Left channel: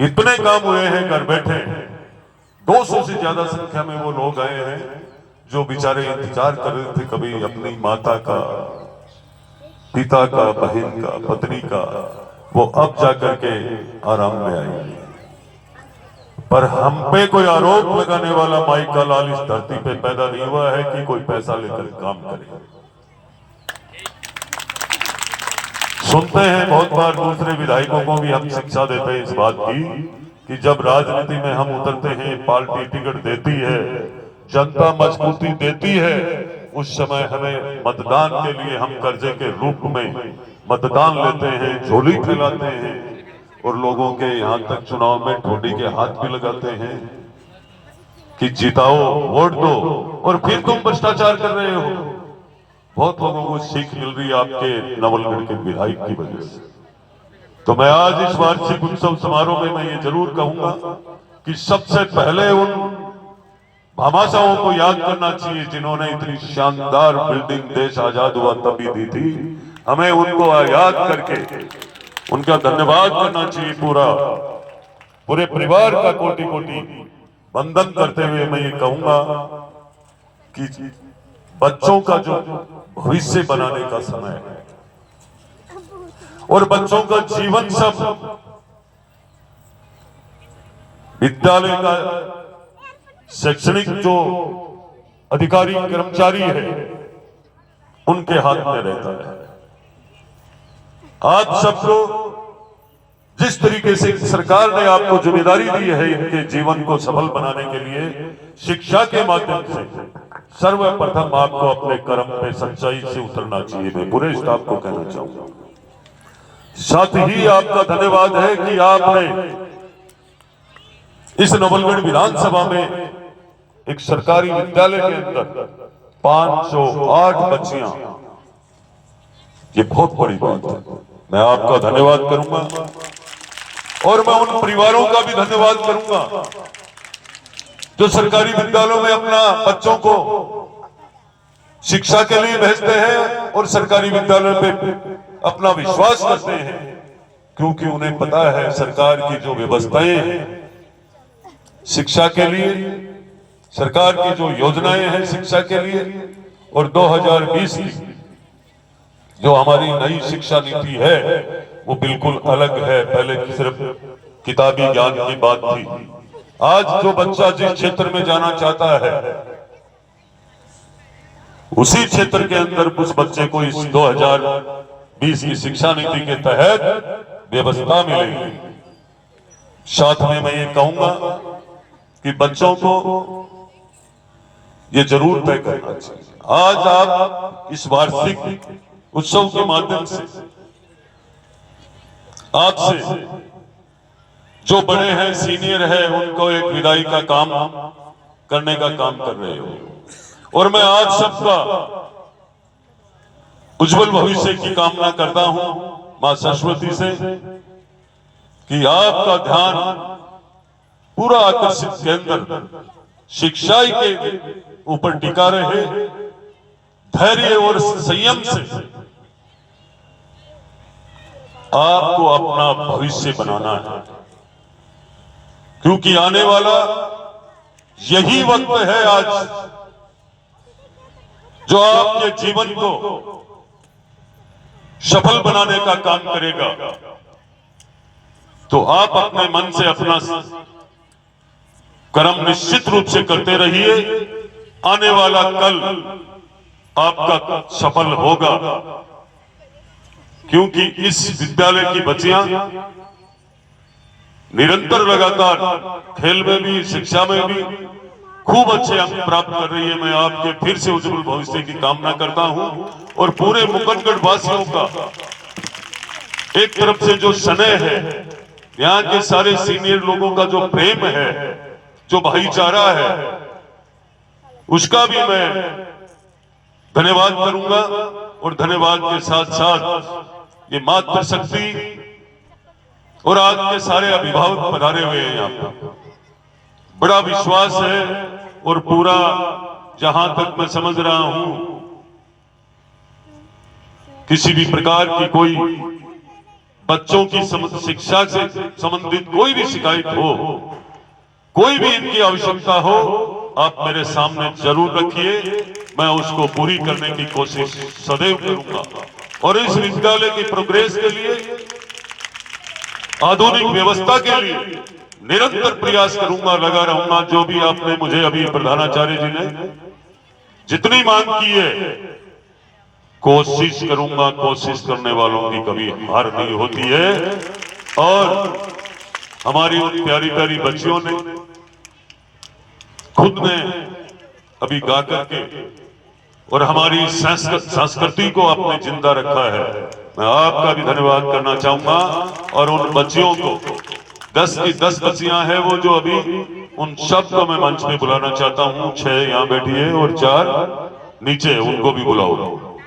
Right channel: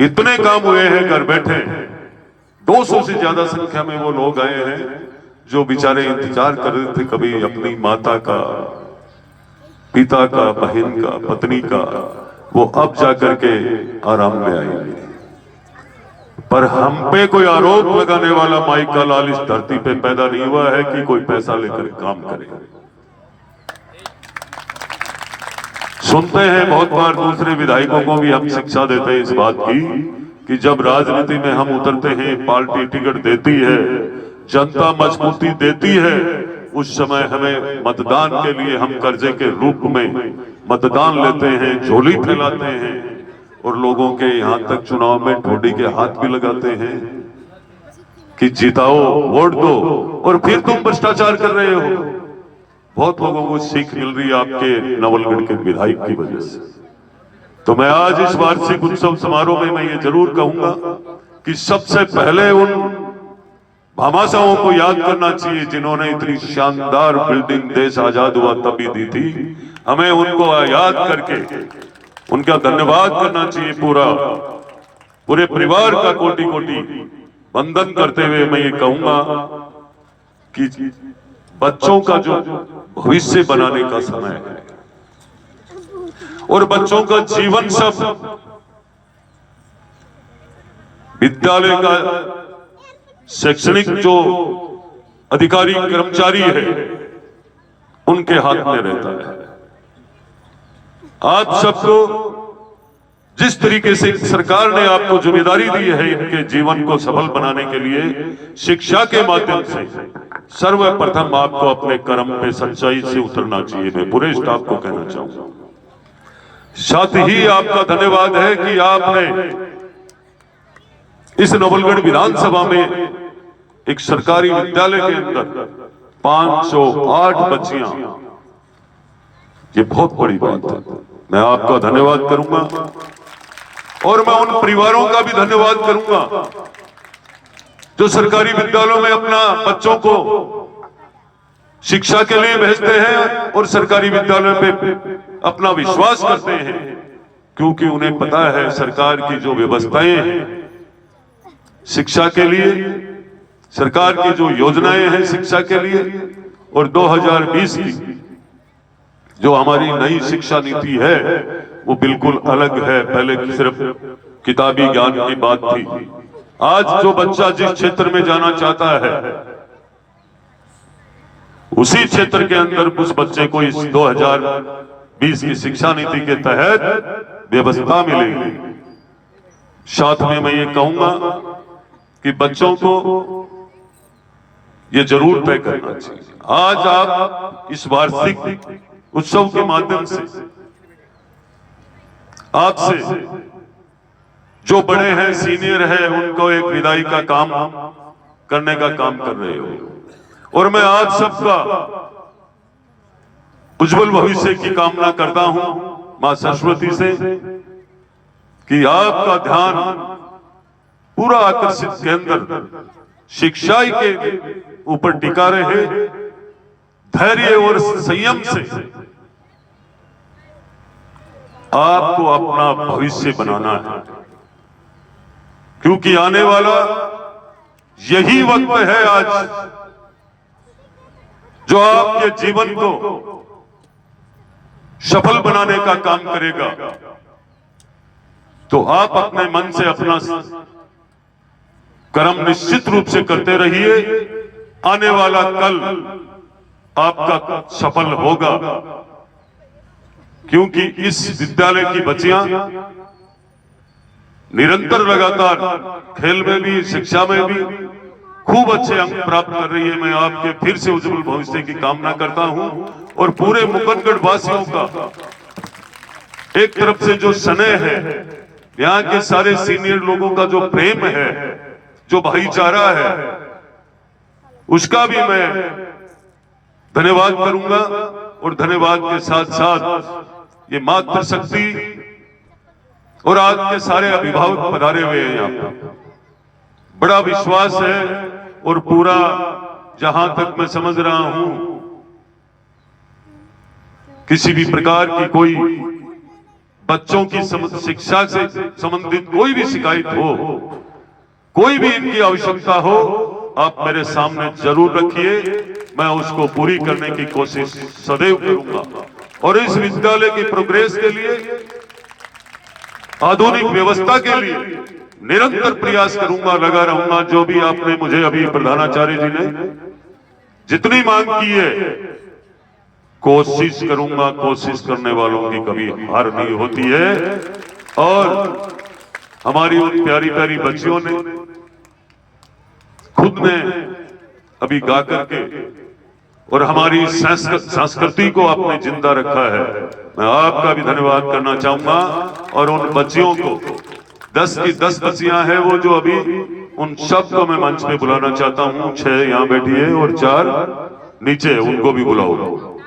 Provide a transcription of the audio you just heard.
इतने काम हुए हैं घर बैठे। 200 से ज्यादा संख्या में वो लोग आए हैं जो बेचारे इंतजार कर रहे थे कभी अपनी माता का, पिता का, बहन का, पत्नी का, वो अब जाकर के आराम में आएंगे। पर हम पे कोई आरोप लगाने वाला माई का लाल इस धरती पे पैदा नहीं हुआ है कि कोई पैसा लेकर काम करे। सुनते हैं बहुत बार दूसरे विधायकों को भी हम शिक्षा देते हैं इस बात की कि जब राजनीति में हम उतरते हैं, पार्टी टिकट देती है, जनता मजबूती देती है, उस समय हमें मतदान के लिए हम कर्जे के रूप में मतदान लेते हैं, झोली फैलाते हैं और लोगों के यहां तक चुनाव में ठोडी के हाथ भी लगाते हैं कि जिताओ, वोट दो और फिर तुम भ्रष्टाचार कर रहे हो। बहुत लोगों को सीख मिल रही है आपके नवलगढ़ के विधायक की वजह से। तो मैं आज इस वार्षिक उत्सव समारोह में मैं ये जरूर कहूंगा कि सबसे पहले उन भामाशाहों को याद करना चाहिए जिन्होंने इतनी शानदार बिल्डिंग देश आजाद हुआ तभी दी थी। हमें उनको याद करके उनका धन्यवाद करना चाहिए। पूरे परिवार का कोटि कोटि वंदन करते हुए मैं ये कहूंगा कि बच्चों का जो भविष्य बनाने का समय है और बच्चों का जीवन सब विद्यालय का शैक्षणिक जो अधिकारी कर्मचारी है उनके हाथ में रहता है। आप सबको जिस तरीके से सरकार ने आपको जिम्मेदारी दी है इनके जीवन को सफल बनाने के लिए, शिक्षा के माध्यम से सर्वप्रथम आपको अपने कर्म पे सच्चाई से उतरना चाहिए। मैं पूरे स्टाफ को कहना चाहूंगा। साथ ही आपका धन्यवाद है कि आपने इस नवलगढ़ विधानसभा में एक सरकारी विद्यालय के अंदर 508 बच्चियां, ये बहुत बड़ी बात है। मैं आपका धन्यवाद करूंगा और मैं उन परिवारों का भी धन्यवाद करूंगा जो सरकारी विद्यालयों में अपना बच्चों को शिक्षा के लिए भेजते हैं और सरकारी विद्यालय पे अपना विश्वास करते हैं, क्योंकि उन्हें पता है सरकार की जो व्यवस्थाएं हैं शिक्षा के लिए, सरकार की जो योजनाएं हैं शिक्षा के लिए, और 2020 की जो हमारी नई शिक्षा नीति है वो बिल्कुल अलग है। पहले सिर्फ किताबी ज्ञान की बात थी। आज जो बच्चा जिस क्षेत्र में जाना चाहता है उसी क्षेत्र के अंदर उस बच्चे को इस 2020 की शिक्षा नीति के तहत व्यवस्था मिलेगी। साथ में मैं ये कहूंगा कि बच्चों को ये जरूर तय करना चाहिए। आज आप इस वार्षिक उत्सव के माध्यम से आपसे जो बड़े हैं, सीनियर है, उनको एक विदाई का काम करने का काम कर रहे हो और मैं आज सबका उज्जवल भविष्य की कामना करता हूं मां सरस्वती से कि आपका ध्यान पूरा आकर्षित केंद्र शिक्षा के ऊपर टिका रहे। धैर्य और संयम से आपको अपना भविष्य बनाना है, क्योंकि आने वाला यही वक्त है आज जो आपके जीवन को सफल बनाने का काम करेगा। तो आप अपने मन से अपना कर्म निश्चित रूप से करते रहिए। आने वाला कल आपका सफल होगा, क्योंकि इस विद्यालय की बच्चियां निरंतर लगातार खेल में भी, शिक्षा में भी खूब अच्छे अंक प्राप्त कर रही है। मैं आपके फिर से उज्जवल भविष्य की कामना करता हूं और पूरे मुकुंदगढ़ वासियों का एक तरफ से जो स्नेह है, यहाँ के सारे सीनियर लोगों का जो प्रेम है, जो भाईचारा है, उसका भी मैं धन्यवाद करूंगा। और धन्यवाद के साथ साथ ये मातृशक्ति और आज के सारे अभिभावक पधारे हुए हैं यहाँ पर, बड़ा विश्वास है और पूरा जहां तक मैं समझ रहा हूं किसी भी प्रकार की कोई बच्चों की शिक्षा से संबंधित कोई भी शिकायत हो, कोई भी इनकी आवश्यकता हो, आप मेरे सामने जरूर रखिए। मैं उसको पूरी करने की कोशिश सदैव करूंगा और इस विद्यालय की प्रोग्रेस के लिए, आधुनिक व्यवस्था के लिए निरंतर प्रयास करूंगा, लगा रहूंगा। जो भी आपने मुझे अभी प्रधानाचार्य जी ने जितनी मांग की है, कोशिश करूंगा। कोशिश करने वालों की कभी हार नहीं होती है। और हमारी उन प्यारी प्यारी बच्चियों ने खुद ने अभी गा करके और हमारी संस्कृति को आपने जिंदा रखा है। मैं आपका भी धन्यवाद करना चाहूंगा। और उन बच्चियों को 10 की 10 बच्चियां हैं वो जो अभी, उन सबको मैं मंच पे बुलाना चाहता हूं। 6 यहाँ बैठी है और 4 नीचे, उनको भी बुलाओ।